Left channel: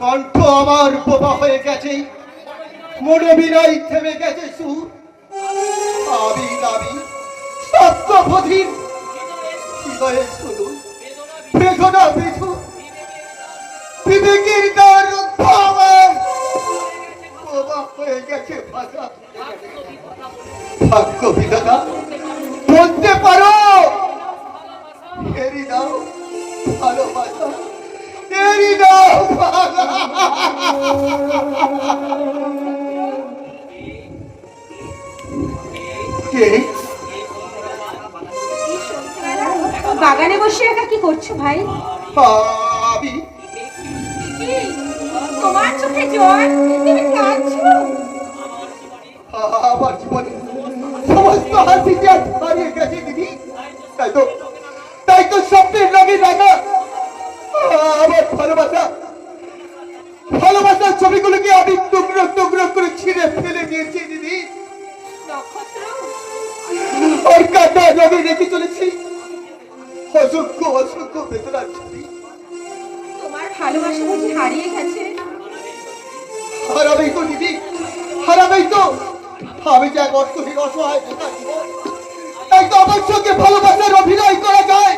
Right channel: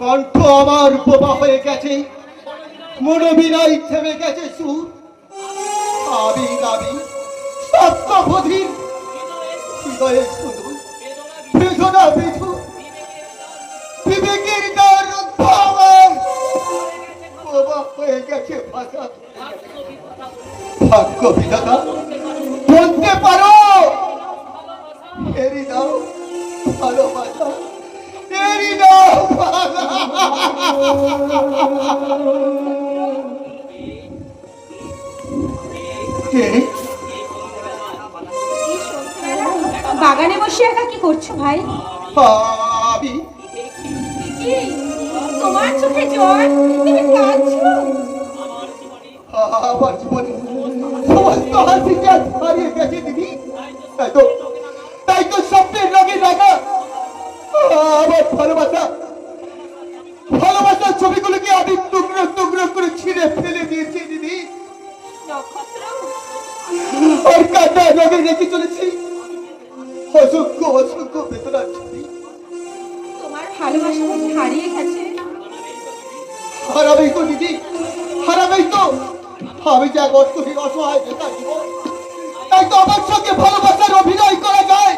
কণ্ঠ আমার বোবা হয়ে গেছে, মনে বিনাই থেমে গেছে সুর। আবির আবির সত্যবধির হৃদয়ে শুধু বেদনা বিধু, বিবেকের দ্বার রুদ্ধ আমার বোবা হয়ে গেছে ভাষা। ভাগ্য বিধাতা বলতে পারো, এরি দাও ভালোবাসা, এরি দাও বাগানে বসে একা কি করছো ভাই? আমি তোমার চোখে জল, তুমি কাঁদছো? আমার জীবনে সমস্ত হাসিকে আজ হারিয়ে গেছে দিদি। তাই তো স্বপ্নের লাগে রাখা আমার ভালোবাসা, ভালোবাসার ছবিগুলোকে আমি টুকরো টুকরো করে ছিঁড়ে ফেলে দিয়েছি দিদি। আর কাটা লাগে রেখে চলেছি অসংখ্য অসংখ্য বেদনার ছবি। তোমার ভালোবাসা বুঝি হারিয়ে গেছে? হারাবেই তো দিদি, হারাবেই তো। আমি যে এক অর্থহীন অসহায় বেকার জীবন, তাই তো আমার সঙ্গে ভালোবাসার অভিনয় করা যায়,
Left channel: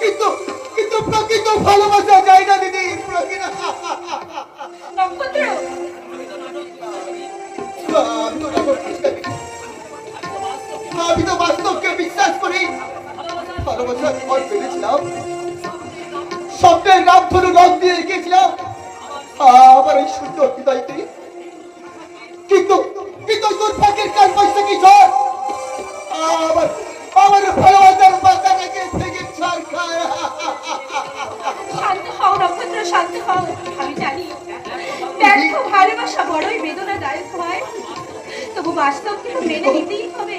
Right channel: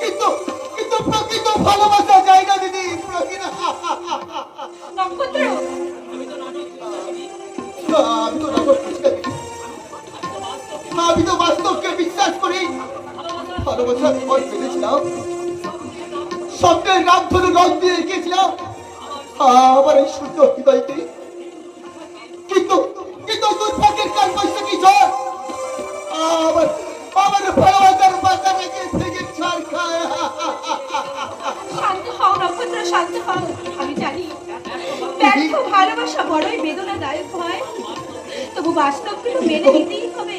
কিন্তু কিন্তু প্রকৃত ভালোবাসা যায় না দিদি। আমি তো বাস্তবকে বিশ্বাস করি। ভালোবাসার ভয় পেয়েছিলাম, স্বপ্নের রামধনু রং দিয়ে রেখেছিলাম আমার এই সুন্দর হৃদয়তে, কিন্তু কিন্তু দুর্ভাগ্যের কাল বৈশাখী ঝড় আমার আমার ভালোবাসার বাচ্চাটাকে থেকে ছাড় খায়। শান্ত হও নক্ষত্র, শান্ত হও। আমি জানি ব্যর্থ ভালোবাসা বড়ই বেদনাদায়ক হয়, তবু বাস্তবকে মেনে নিতেই হবে।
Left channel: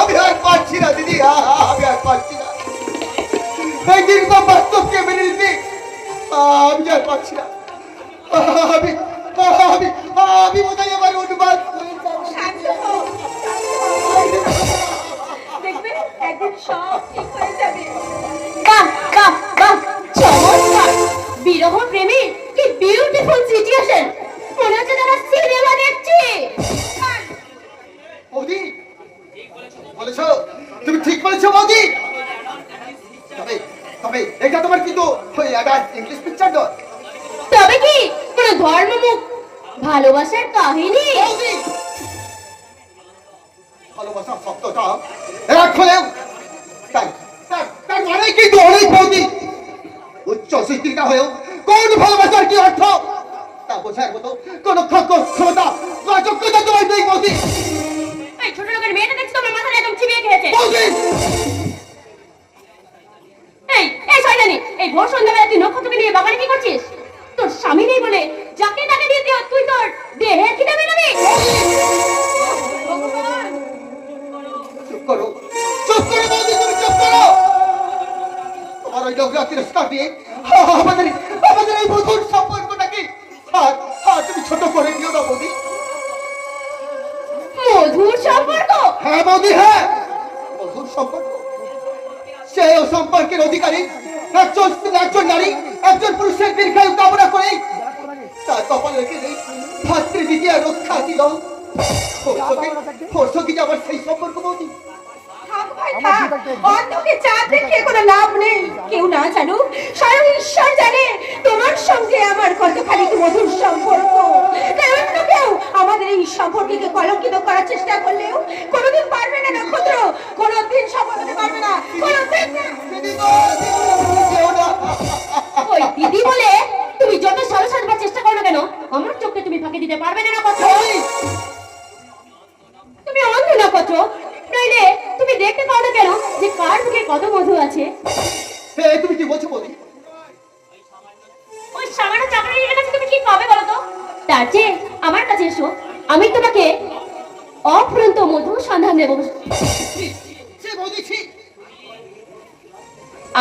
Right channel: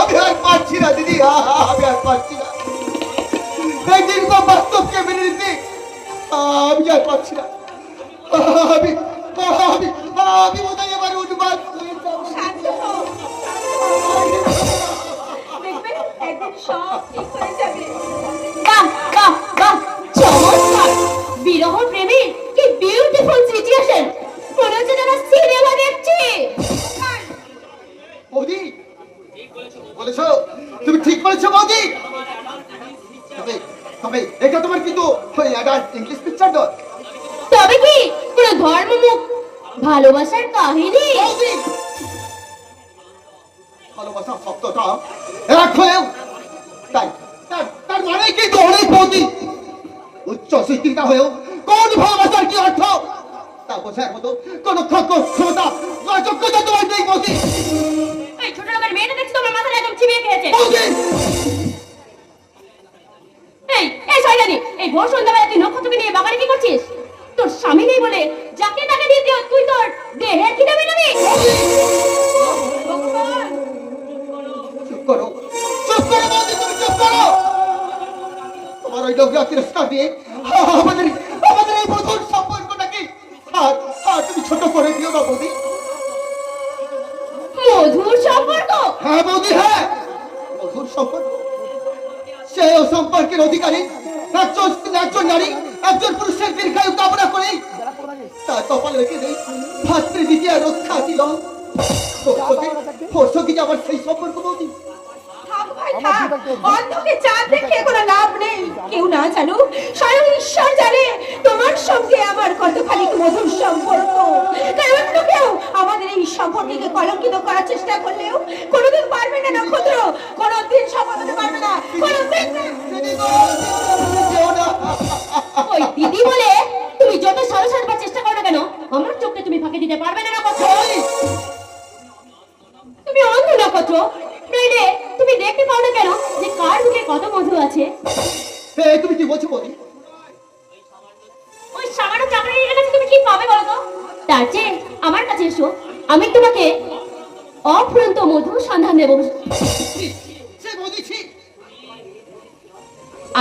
আমি আর পারছি না দিদি, আমি আর পারছি না। এই নির্মম বাস্তবকে মেনে নিতে আমি আর পারছি না। আমি আমি আমি বোধহয় আমার অনুবাদ হয়ে যাবো। শান্ত হও, দেখবে একদিন সব ঠিক হয়ে যাবে। বাহ বাহ বাহ, চমৎকার! বিরহ প্রেমী কি বিউটিফুল সিচুয়েশন! মনে হচ্ছে যেন সিনেমা দেখছি। বৌদি বলেছো, তুমি ঠিক বলেছো বৌদি। তবে তবে এটা তোমার কিন্তু ইংলিশ পিকচার নয়। তবে কি কোনো ধর্মমুখ ভালোবাসার কাহিনী? ভালোবাসার শব্দটা এক হলেও তার মানে কি অনেক বৌদি উচ্চ শিক্ষিতা হয়েও কোন ভালোবাসার কি অর্থ তা বোঝার মতো কোন ক্ষমতা বা যোগ্যতা তোমার নেই বৌদি। এই ছোট লোকের মেয়েটা দেখছি তোমার মাথায় একদম চিবিয়ে খেয়েছে। এই এই শয়তানি, এই ভোর সন্ধ্যাবেলা তুই নক্ষত্রকে নিয়ে বাগানে কি করছিস? তোর স্বামী নেই বলে যাকে তাকে দিয়ে তুই তোর দেহে খিদে মেটাবি? চুপ করো, চুপ করো বৌদি, তুমি চুপ করো। তোমার ওই লোকরা তিরস্কার দিয়ে আমাদের আমাদের এই মধুর সম্পর্কটাকে আর তুমি ছোট করে দিও না বৌদি। মধুর সম্পর্ক? হ্যাঁ বৌদি, হ্যাঁ মধুর সম্পর্ক। সেই সম্পর্কের অধিকারী একজন নারী একজন পুরুষের দীর্ঘায়ু কামনা করে তার কপাল রেখে দেয় ভাতৃ দ্বিতীয় রক্ষা দিল। কি আমার সেই সম্পর্ক বৌদি? অন্ধকে চাঁদ দেখে কোনো লাভ নেই। কেউ না জানুক, স্বয়ং ঈশ্বর জানে তোমার সঙ্গে আমার কতখানি মধুর সম্পর্ক। তাই অন্য কেউ আমাদের এই সম্পর্ককে কলঙ্কিত করার চেষ্টা করলেও কোনোদিন পারবে না নক্ষত্র, কোনোদিন সফল হতে পারবে না, কোনোদিন না। ওই দিদি বলে তুমি যত সালো সাজবার চেষ্টা করো না কেন, আমার চোখে তুমি ফাঁকি দিতে পারবে না নক্ষত্র। তুমি অন্ধ নক্ষত্র, নইলে তুমি দেখতে পাও না কেন যে কার বুকে কত মধু আছে? তুমি কি বলছো বৌদি? ওই সামান্য চাকরির কাছে তুমি কি পাবে বলো তো? তার চেয়ে আমার কাছে এসো, আমি তোমাকে অফুরন্ত মধু সন্ধান দেব।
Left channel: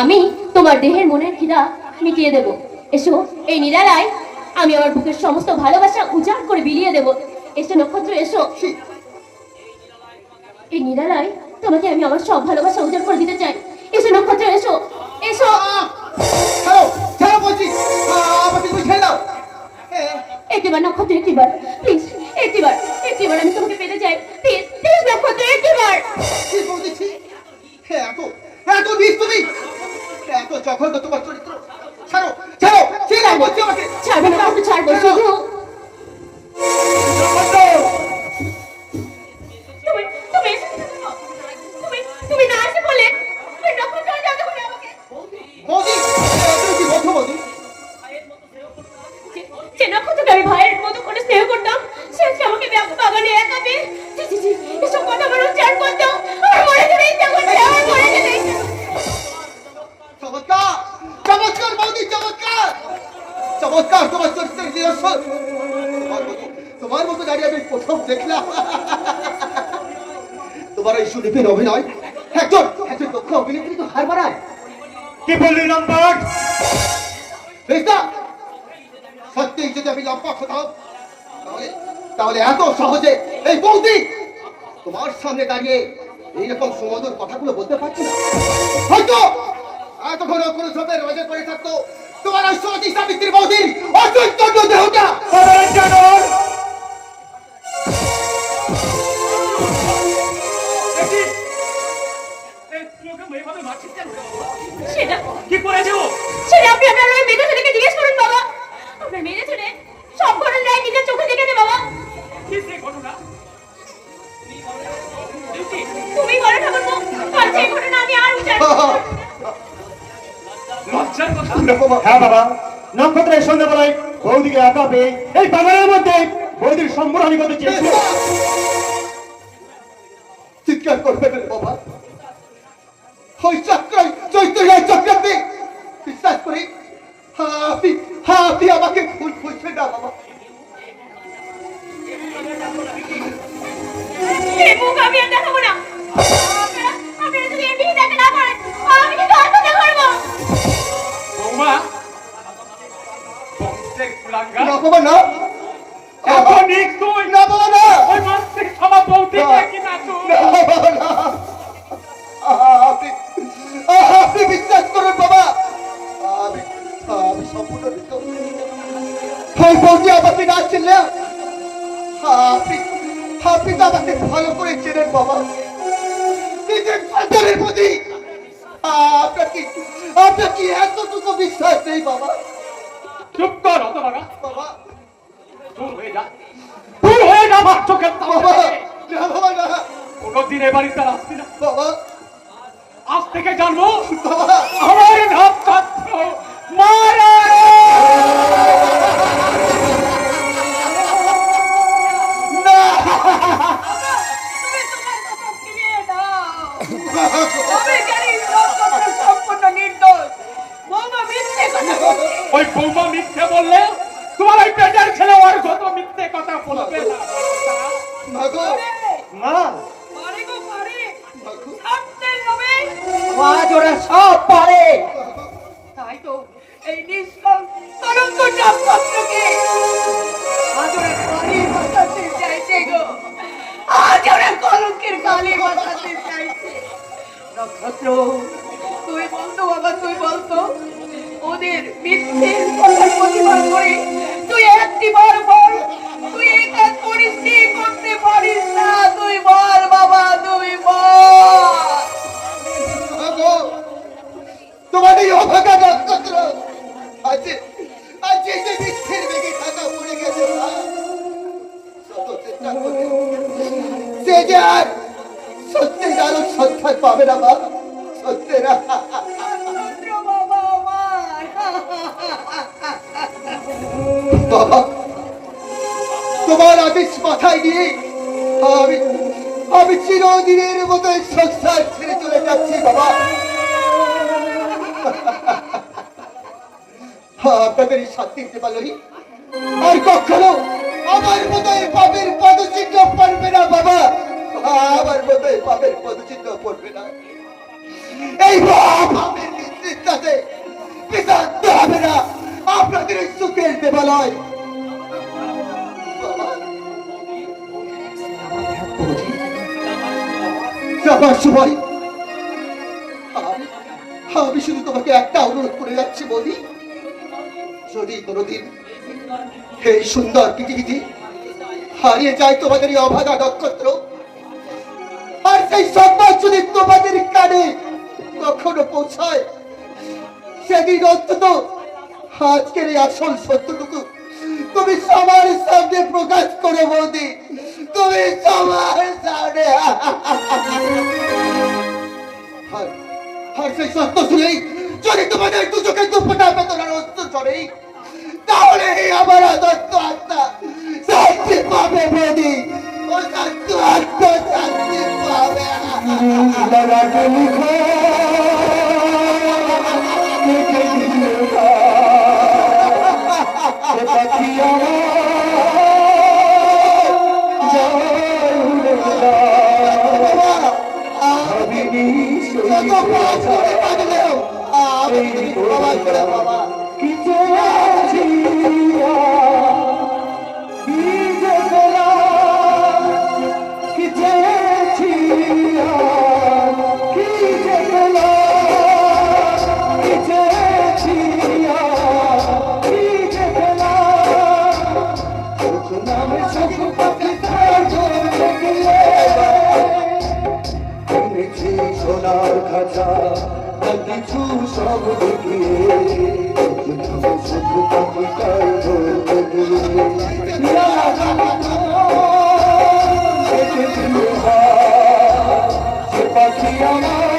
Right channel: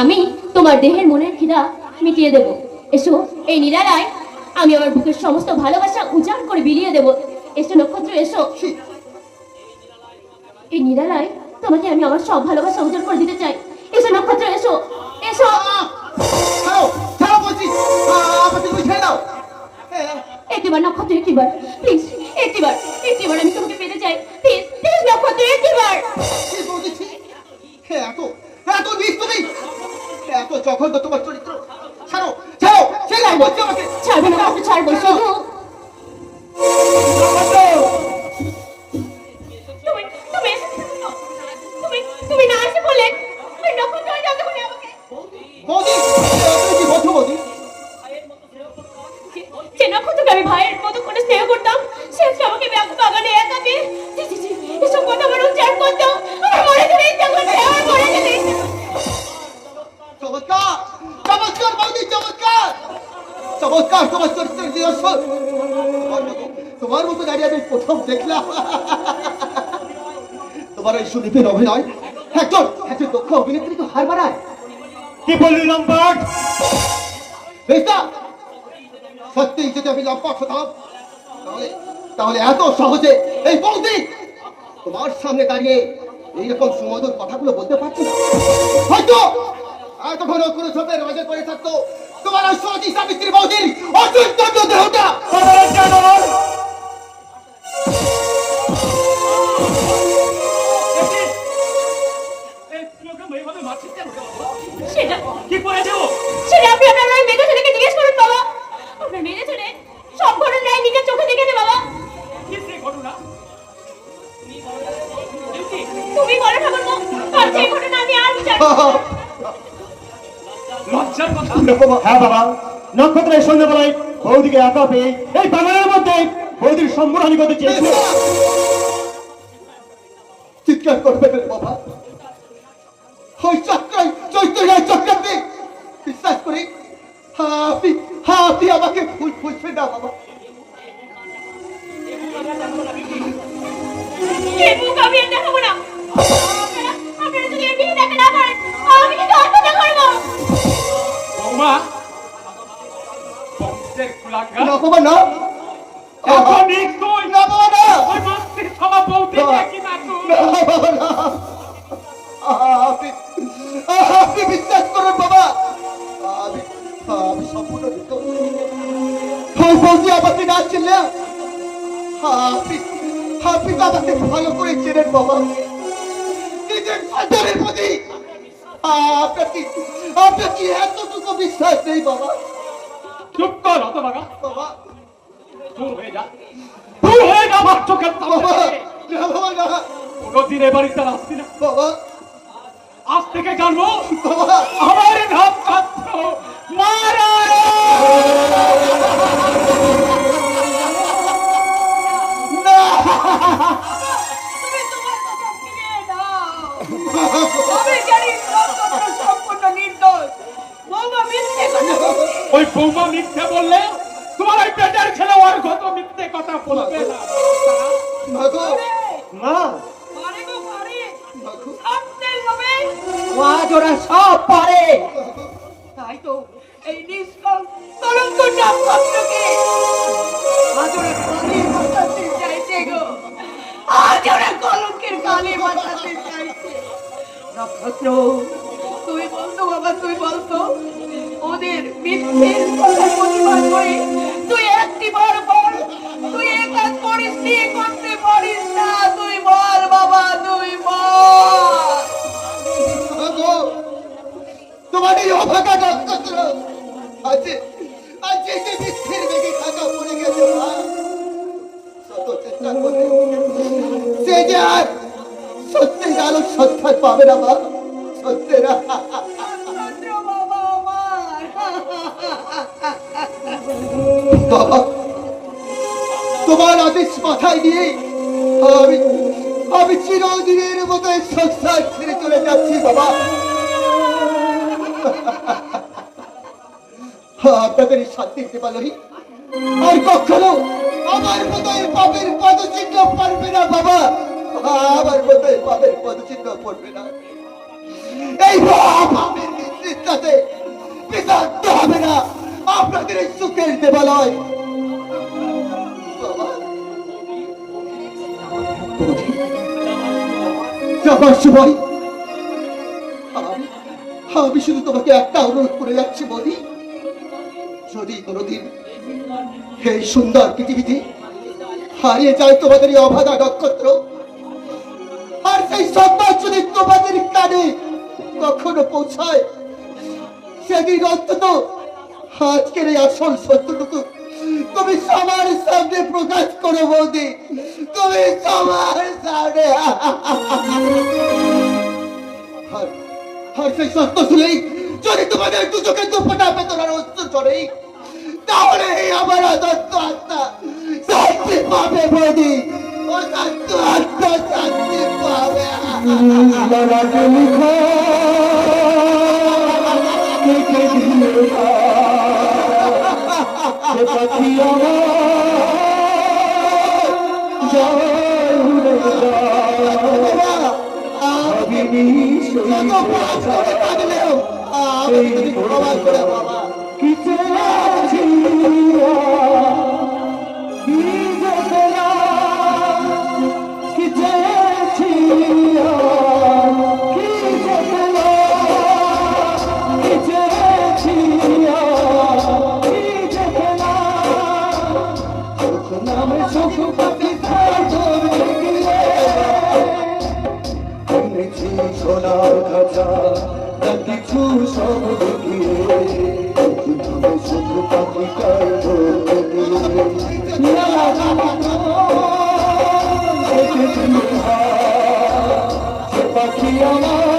আমি তোমার দেহের মনের খিদা মিটিয়ে দেব। এসো, এই নিরালায় আমি আমার বুকের সমস্ত ভালোবাসা উজাড় করে বিলিয়ে দেব। এসো নক্ষত্র, এসো। এই নিরালায় তোমাকে আমি আমার সব ভালোবাসা উজাড় করে দিতে চাই। এসো নক্ষত্র, এসো, এসো। ছাড়ো, ছাড়ো বলছি। একটিবার নক্ষত্র, একটিবার প্লিজ, একটিবার আমি তোমাকে পেতে চাই, প্লিজ প্লিজ নক্ষত্র, একটিবার। কি বলছি? এত এত বিষ তুমি, এত জঘন্য তোমার চরিত্র। ছাড়ো ছাড়ো, ছেড়ে বলছি আমাকে। ছাড়বে নক্ষত্র, ছাড়বো শুধু তুমি তুমি তুমি তুমি না আসে বলে তুমি নক্ষত্র যাতে করে আমাকে বৌদি, এত কি বলছো বৌদি? যে নক্ষত্রকে আমি ভাইয়ের মতো করে স্নেহ করতাম, সে আজকে আমাকে বাগানে একা পেয়ে এসব কথা আমার উচ্চারণ করতাম। আমার মরে যেতে ইচ্ছা করছে, আমার মরে যেতে ইচ্ছা করছে। চমৎকার চমৎকার বৌদি, চমৎকার চমৎকার তোমার চরিত্রের নিদর্শন। তোমার মতো দাঁড়িয়ে আমি প্রথম দেখলাম। তোমার এই সুদীপের অভিনয় একজন একজন দক্ষ অভিনেত্রী তো হার মানায়। কি বললি লম্পট? বেশ, সত্যি যদি আমি লম্পট হতাম তাহলে তাহলে এত সহজে এই বৌদি তোমার সামনে দাঁড়িয়ে এইরকম সুমধুর কথাগুলো বলতে পারছি না। হয়তো এতক্ষণ কোনো ছোটের মাঝে পড়ে থাকতো তোমার ওই সতী সাবিত্রী বৌদির অচিন্তব্য দেহটা। সেটা কি করেছে ও? সেটা আপনি আপনার ওই মেয়ে ছেলেকে জিজ্ঞেস করুন বাবা। আপনার মেয়ে ছেলে সব ঘটনায় নিজের চোখে দেখেছে বাবা। কি সে ঘটনা? তুমি বলো ঠাকুরপো, আর সেই ঘটনা আমি আর বিচার করব না। লজ্জার কথা। হ্যাঁ বাবা, নক্ষত্রের সন্ধ্যাবেলায় বৌদিকে একা পেয়ে এই বাগানের মধ্যে বৌদির সম্বরণী করতে চেয়েছিল। চিৎকার করবে না বাবা, ওই চক্রান্তে বিশ্বাস করি আপনি আমাকে ভুল বুঝবেন না বাবা। এই মুখ আমি আর দেখাবো না। আপনারা যদি এই বিয়ে দেখা না করেন, আমি কিন্তু আত্মহত্যা করবো। বৌমা, বংশের কুলাঙ্গার। না বাবা না, এত নিষ্ঠুর। না বাবা না, ওই বংশের সভা বৌদিকে কিনা তুই? না বাবা না। আপনি বিশ্বাস করুন বাবা, আমি সম্পূর্ণ নির্দোষ। ওই বৌদি আমাকে না চিনলে আপনি দাদাকে ভালো করে চেনেন বাবা। নিজের সন্তানের প্রতি আপনার কি এতটুকু বিশ্বাস নেই বাবা? চুপ কর হতভাগা। বাবা দূর হয়ে যা, দূর হয়ে যা আমার চোখের বাবা, সামনে। না বাবা না, কোনদিন এ বাড়িতে আর আসবি না। বাবা আজ থেকে জানবো বাবা, আমার নক্ষত্র মারা। না তুমি তোমার কথা ফিরিয়ে দাও। আমি জানি নক্ষত্র সম্পূর্ণ নির্দোষ। বৌমা মিথ্যে কথা বলছে। ওই বৌমা মিথ্যে বললে তোমার ওই পেটের ছেলে আর কত মিথ্যে কথা বলবে না। না গো, না, পারে গো পারে। না গো, সত্যের লোভে আজ ওরা সব পারে। তাই তো এই নিষ্কল তরঙ্গ নক্ষত্রকে আজ ওরা কালি বাঁচাতে চাইছে গো। আজ ওরা কলঙ্কের কালি বাঁচাতে চাইছে। নক্ষত্র, তুই বলতো বাবা, তুই বলতো ওদের মিথ্যের কথার প্রতিবাদ করে তুই একটিবার বল, তুই এ কাজ করিস নি, করতে পারিস না। তুই বল বাবা, তুই বল। না গো, তোমার এই অভাগা নক্ষত্র আজ এই যে মিথ্যের বেগে থাকা পড়ে গেছে মা। শত চেষ্টা করে সে যে আর সত্যের আলো সন্ধান পাবে না মা, সত্যের। বাবা আমার বাবা, তোমার আদেশ মাথায় নিয়ে আমি আমি চিরদিনের মতো এই সংসার ছেড়ে চলে যাচ্ছি বাবা। আপনাদের এই শান্তির দেবালয় আর কখনো আমার মতো এই পাপের পদচিহ্ন পড়বে না বাবা, আমার মতো এই পাপের পদচিহ্ন পড়বে না। এই পাপের নেতৃত্বে বিতাড়িত হবে না আপনাদের এই সুখের দেবালয় বাবা। যাবার সময় আমি শুধু তোমাকে একটা অনুরোধ করে যাচ্ছি বলি, যদি কোনোদিন এই সুন্দর পৃথিবীতে হারিয়ে যায় তোমাদের এই অভাগা নক্ষত্র, আর সেই সংবাদ যদি তোমাদের কানে কখনো পৌঁছায়, সেদিন অন্তত আজকের এই আসল সত্যটুকু তুমি সবার সামনে প্রকাশ করো বৌদি, তুমি সবার সামনে। আর সেই সত্য শুনেই যদি তোমাদের দু চোখে দুপটা বেতনার অস্ত্র চড়ে, তাহলে আমার অদত্ত আত্মা শান্তি পাবে বৌদি, অদত্ত আত্মা শান্তি পাবে। লালাকে লিখো কেটে দিলে সে পাখি আমার যায় উড়ে যায়। ভাবিনি সেই কি চেয়েছি কি যে পেলাম, কি চেয়েছি কি যে পেলাম, কি চেয়েছি কি যে পেলাম। নামে সুখ পাখি এনেছি সোনার খাঁচা, কিছু সব দেখিয়ে শুধু পাখি পাখি আমার